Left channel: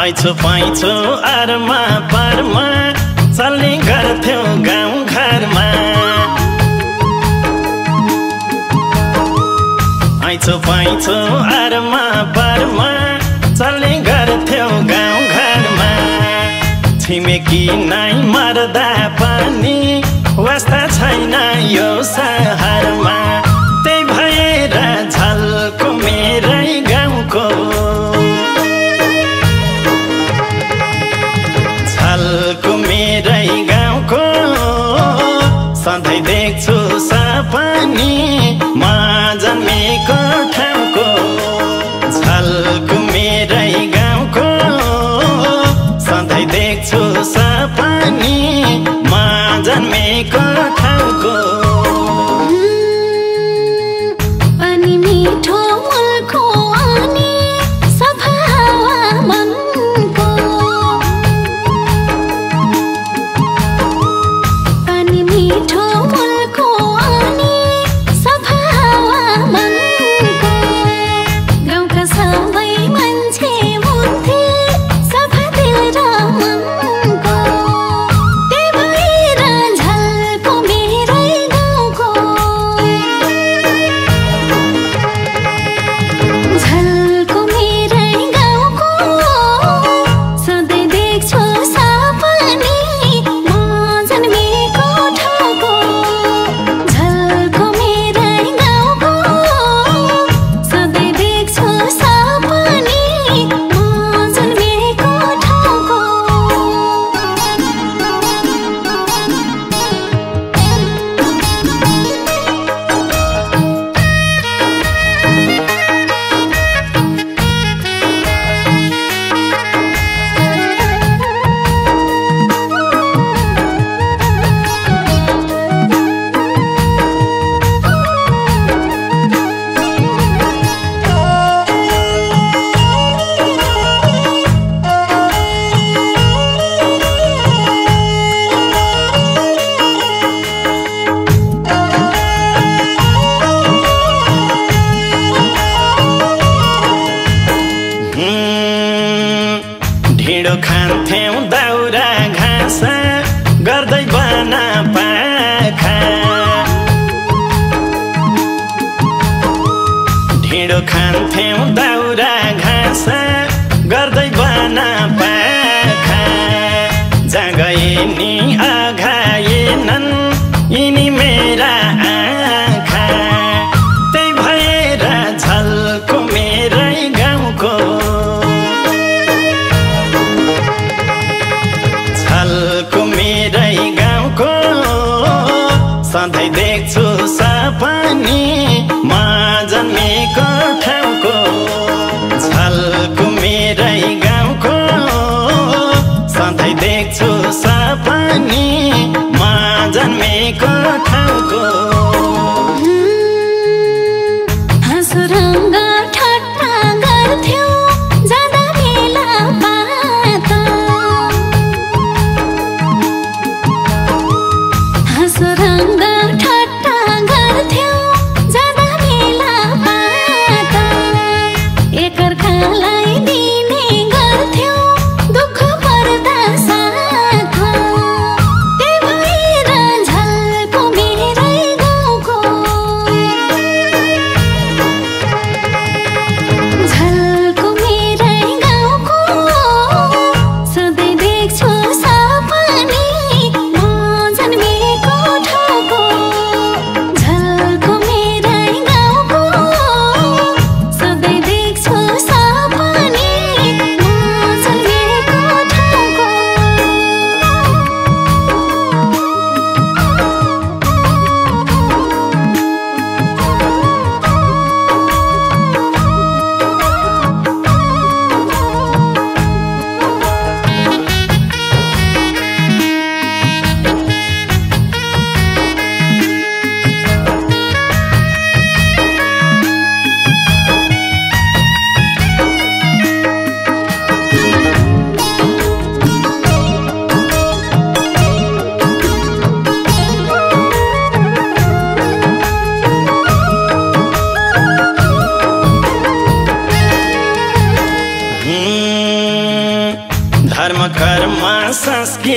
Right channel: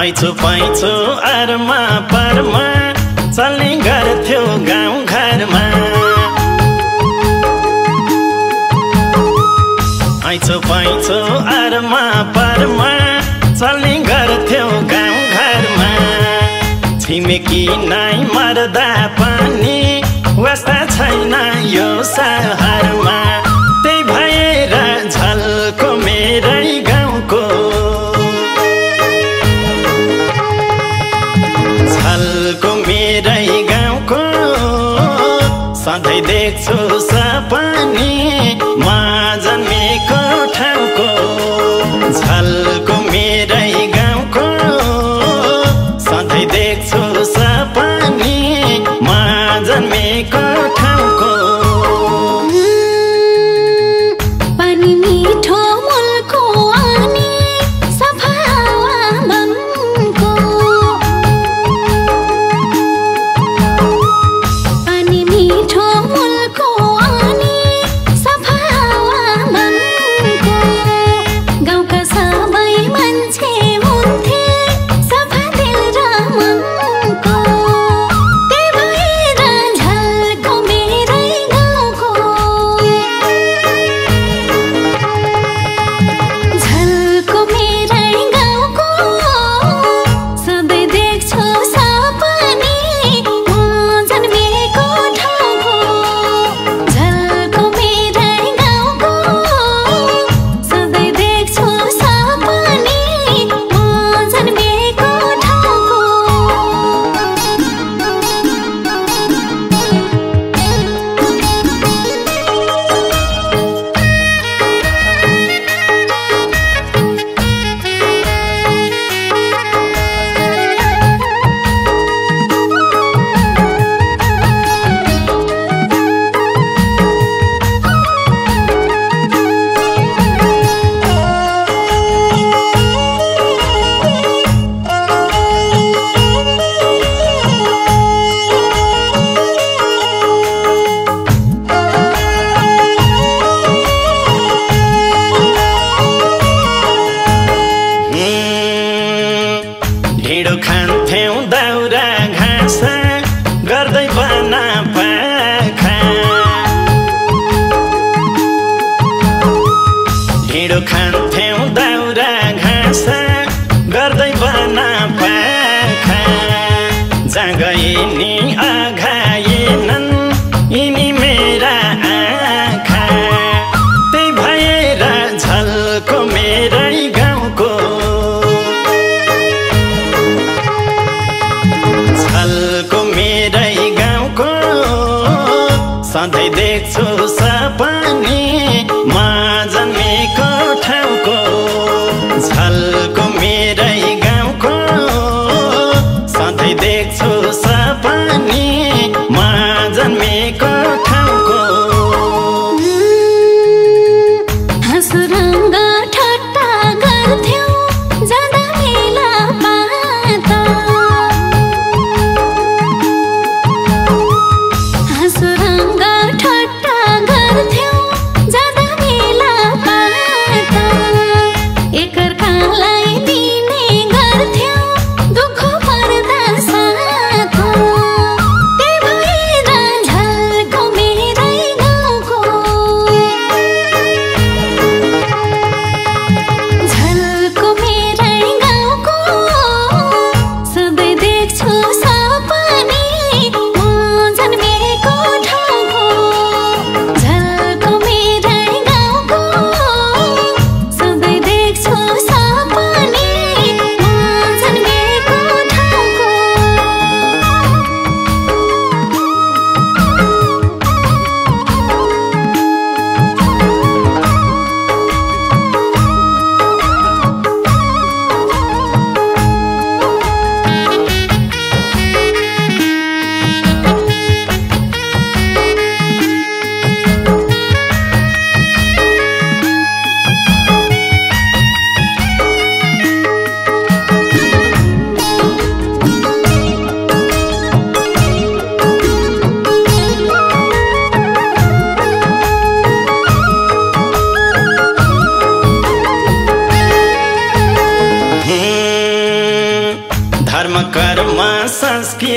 आइछु पाइछु आरमा पारमा चल्ने गर्थ्यो गाउँ घरमा आइछु पाइछु आरमा पारमा चल्ने गर्थ्यो गाउँ घरमा छिमेकी नाइ मर्दा पनि वास्ता छैन यो सहरमा त्यही भएर झल्को मेरै गाउँको झल्को मेरै गाउँको सधैँ देख्छु सपनी म जन्मेको ठाउँको झल्को मेरै गाउँको सधैँ देख्छु सपनी म जन्मेको ठाउँको पानी मिठो मुलको अनि सफा हावा मनको पानी मिठो मुलको अनि सफा हावा मनको गाउँका सबै मान्छे हुन्थे सफा दिल र मनको त्यही भएर झल्को मेरै गाउँको झल्को मेरै गाउँको सधैँ देख्छु सपनी म जन्मेको ठाउँको झल्को मेरै गाउँको सधैँ देख्छु सपनी म जन्मेको ठाउँको ढिँडो खान्थ्यौं दाउरा घाँस गर्दै बना पाखा ढिँडो खान्थ्यौं दाउरा घाँस गर्दै बना पाखा जहाँ गए नि आघाएनन् यिनी मेरा आँखा त्यही भएर झल्को मेरै गाउँको झल्को मेरै गाउँको सधैँ देख्छु सपनी म जन्मेको ठाउँको झल्को मेरै गाउँको सधैँ देख्छु सपनी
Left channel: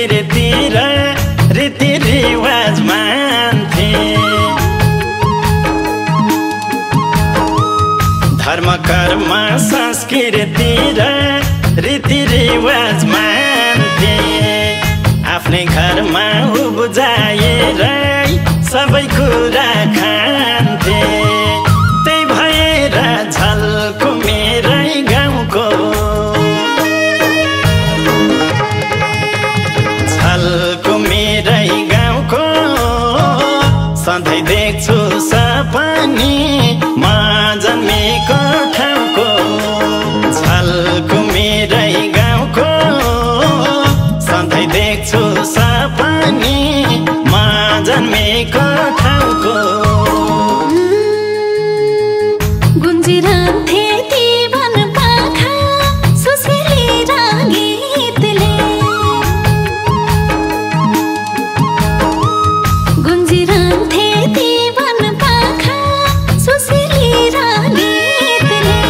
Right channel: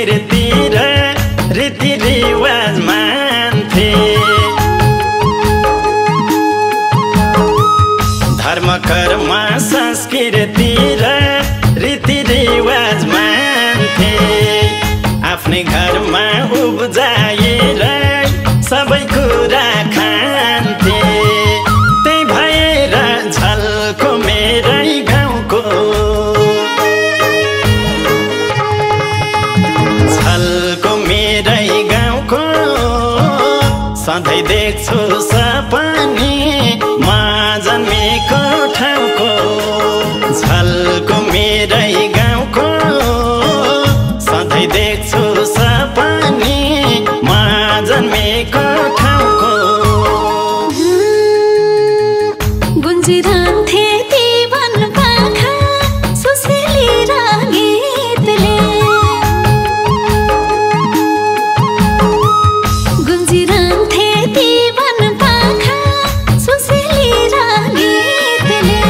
संस्कृति र रीतिरिवाज मान्थे धर्म कर्म संस्कृति र रीतिरिवाज मान्थे आफ्नै घरमा उब्जाएर सबै कुरा खान्थे त्यही भएर झल्को मेरै गाउँको झल्को मेरै गाउँको सधैँ देख्छु सपनी म जन्मेको ठाउँको झल्को मेरै गाउँको सधैँ देख्छु सपनी म जन्मेको ठाउँको गुन्जिरहन्थे ती वन पाखा सुसेली र गीतले गुन्जिरहन्थे ती वन पाखा सुसेली र गीतले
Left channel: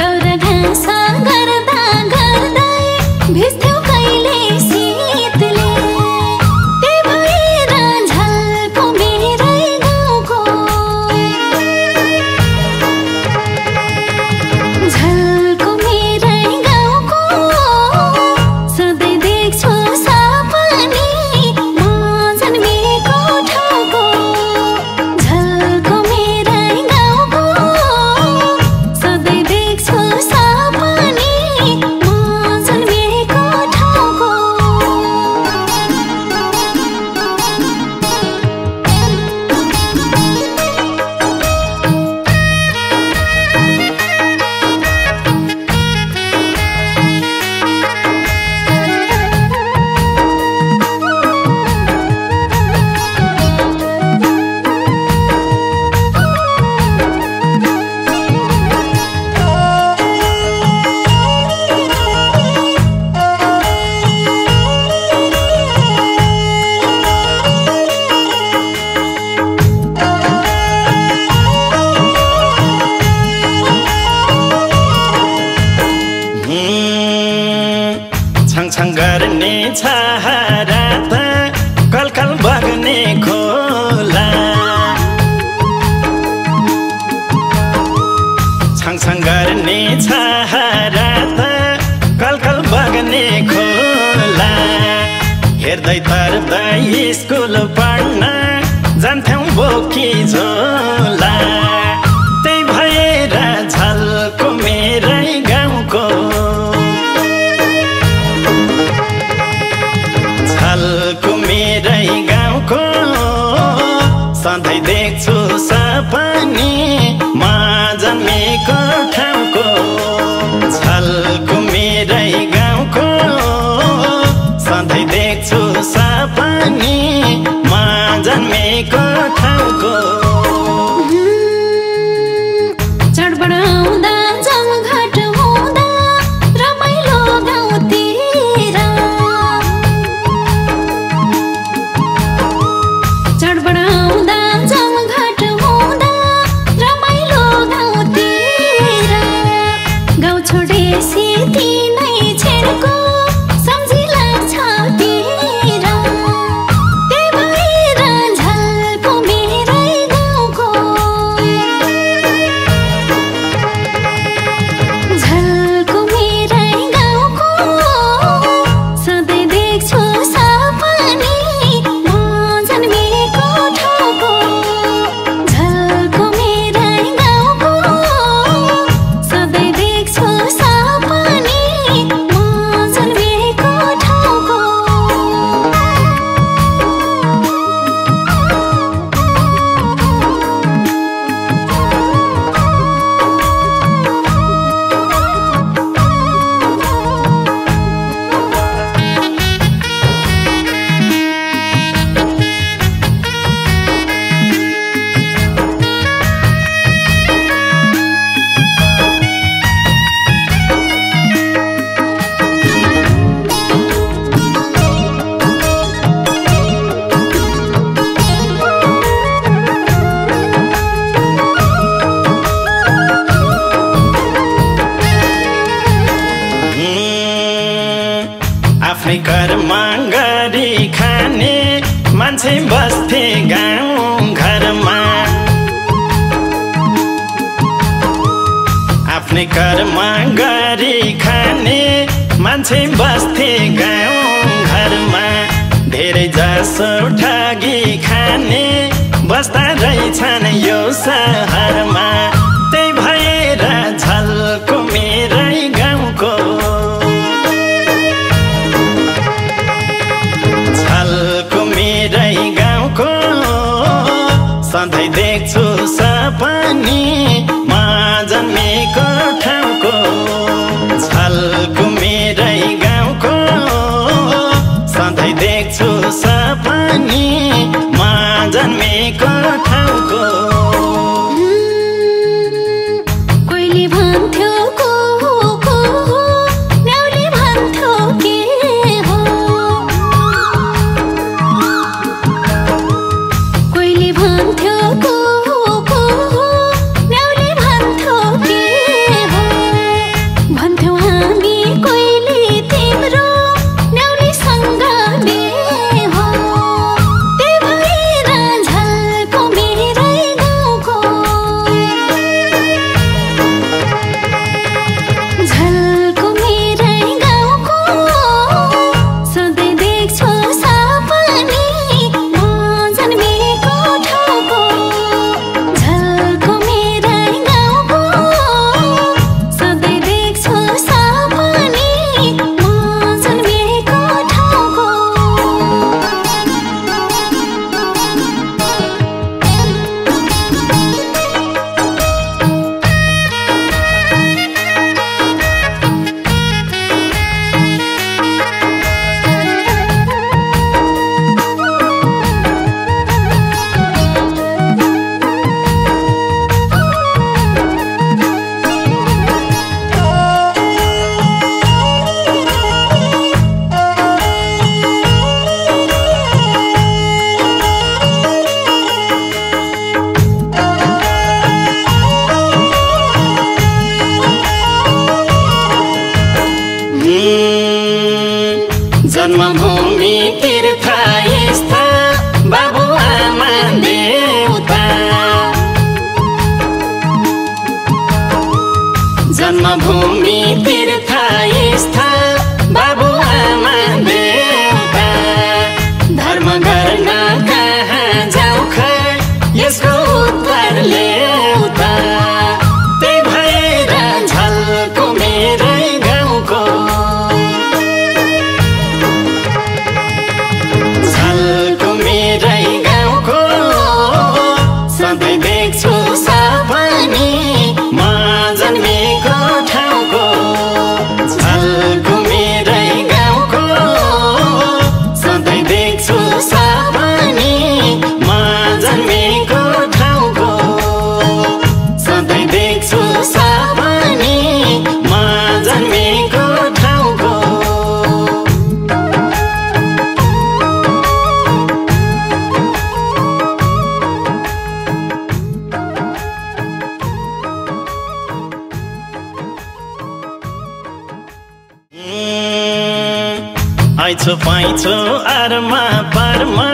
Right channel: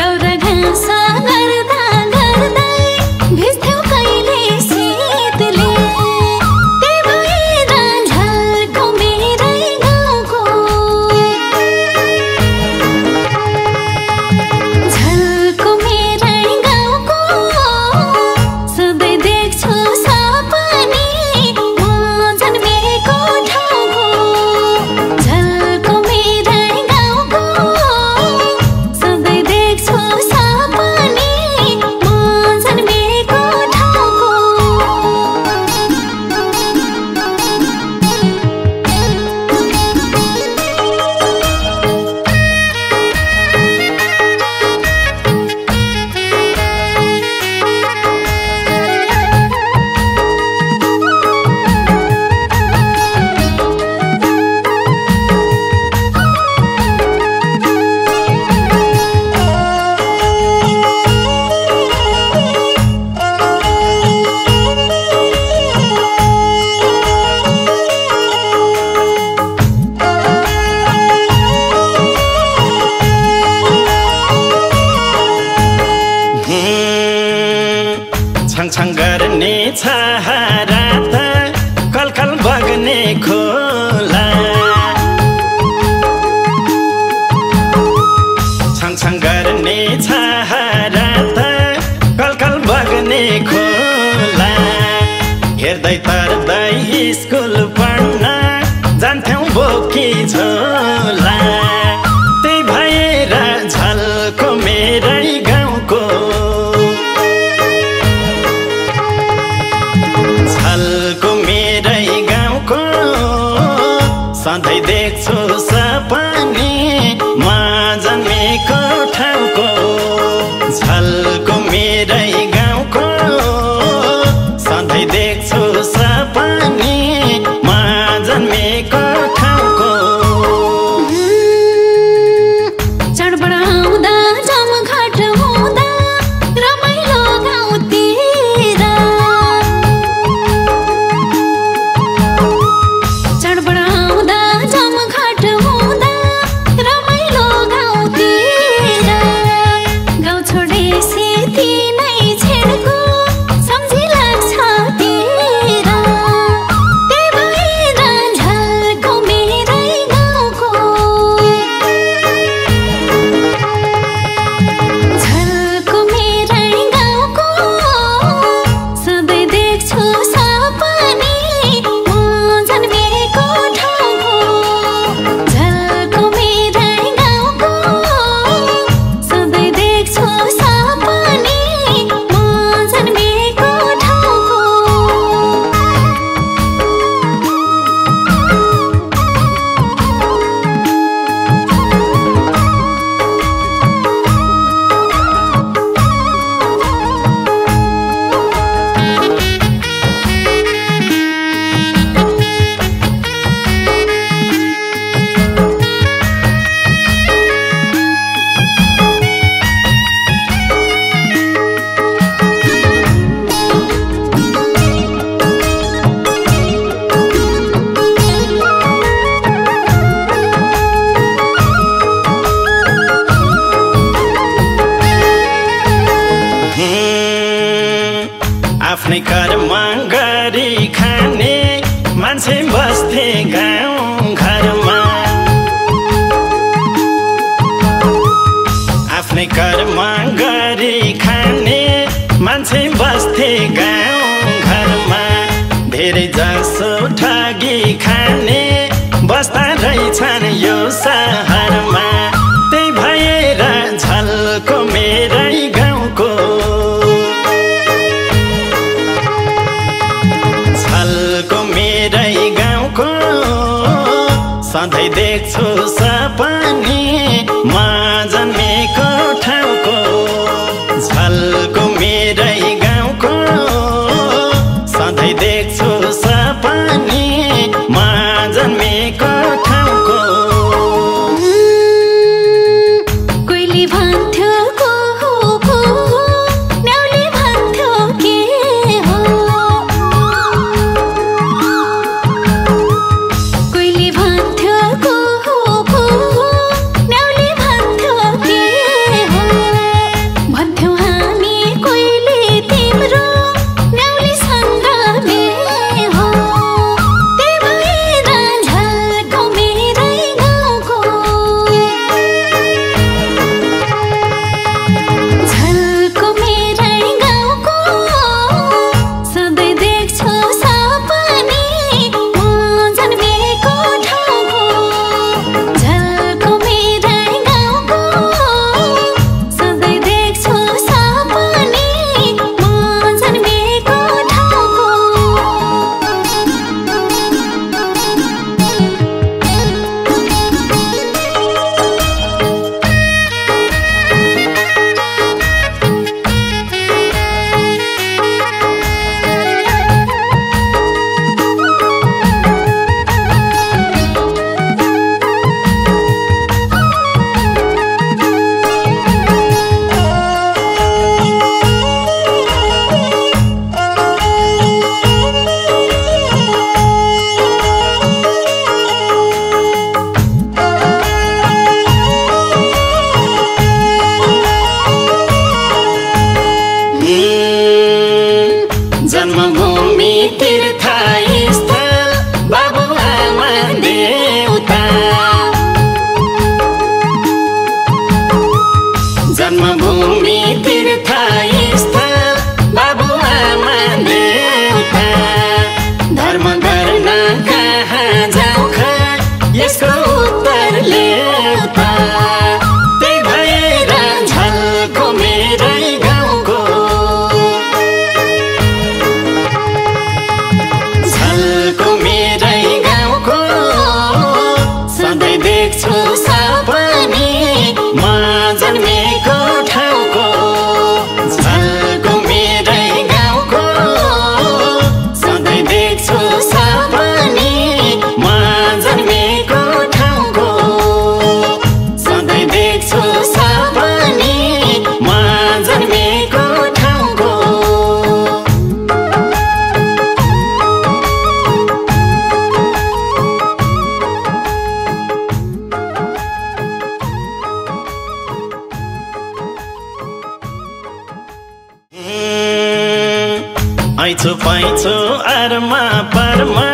दाउरा घाँस गर्दा गर्दै भिज्थ्यौ कहिले शीतले त्यही भएर झल्को मेरै गाउँको झल्को मेरै गाउँको सधैँ देख्छु सपनी म जन्मेको ठाउँको झल्को मेरै गाउँको सधैँ देख्छु सपनी म जन्मेको ठाउँको छङछङ गर्ने छहारा त कलकल बग्ने खोला छङछङ गर्ने छहारा त कलकल बग्ने खोला हेर्दै तर्दै स्कुल पढ्न जान्थ्यौं बोकी झोला त्यही भएर झल्को मेरै गाउँको झल्को मेरै गाउँको सधैँ देख्छु सपनी म जन्मेको ठाउँको झल्को मेरै गाउँको सधैँ देख्छु सपनी म आफ्नै घरमा गरी खाने मान्छे बस्थे गाउँ घरमा आफ्नै घरमा गरी खाने मान्छे बस्थे गाउँ घरमा धेरै जसो ठगी खाने बस्दा रहेछन् यो सहरमा त्यही भएर झल्को मेरै गाउँको झल्को मेरै गाउँको सधैँ देख्छु सपनी म जन्मेको ठाउँको झल्को मेरै गाउँको सधैँ देख्छु सपनी म जन्मेको ठाउँको कोहीले भन्थ्यो को हो नाउले भन्थ्यो के हो कोहीले भन्थ्यो को हो नाउले भन्थ्यो के हो भन्थ्यो हामी कोहीले तिम्रो नाउलेसँग बे हो त्यही भएर झल्को मेरै गाउँको झल्को मेरै गाउँको सधैँ देख्छु सपनी म जन्मेको ठाउँको झल्को मेरै गाउँको सधैँ देख्छु सपनी म जन्मेको ठाउँको जन्मभूमि तीर्थस्थल बाबुआमा देउता जन्मभूमि तीर्थस्थल बाबुआमा देउता धर्म गर्न कहाँ जाऊ खै यसको उत्तर ल्याउता त्यही भएर झल्को मेरै गाउँको झल्को मेरै गाउँको सधैँ देख्छु सपनी म जन्मेको ठाउँको झल्को मेरै गाउँको सधैँ देख्छु सपनी म जन्मेको ठाउँको सधैँ देख्छु सपनी म जन्मेको ठाउँको ऐछु पैछु अरमा परमा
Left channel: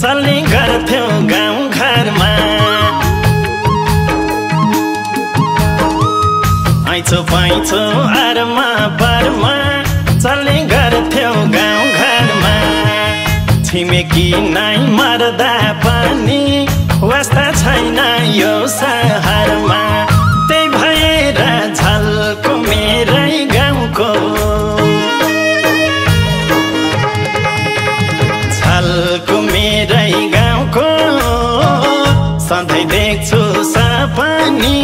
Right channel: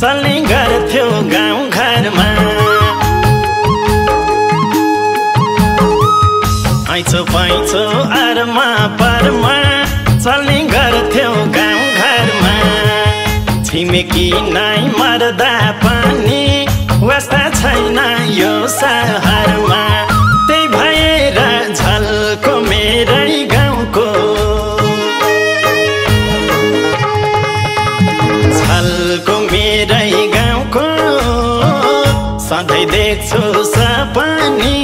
चल्ने गर्थ्यो गाउँ घरमा ऐछु पैछु अरमा परमा चल्ने गर्थ्यो गाउँ घरमा छिमेकी नै मर्दा पनि वास्ता छैन यो सहरमा त्यही भएर झल्को मेरै गाउँको झल्को मेरै गाउँको सधैँ देख्छु सपनी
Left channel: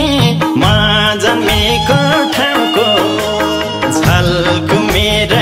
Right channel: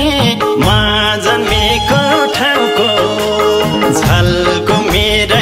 म जन्मेको ठाउँको झल्को मेरै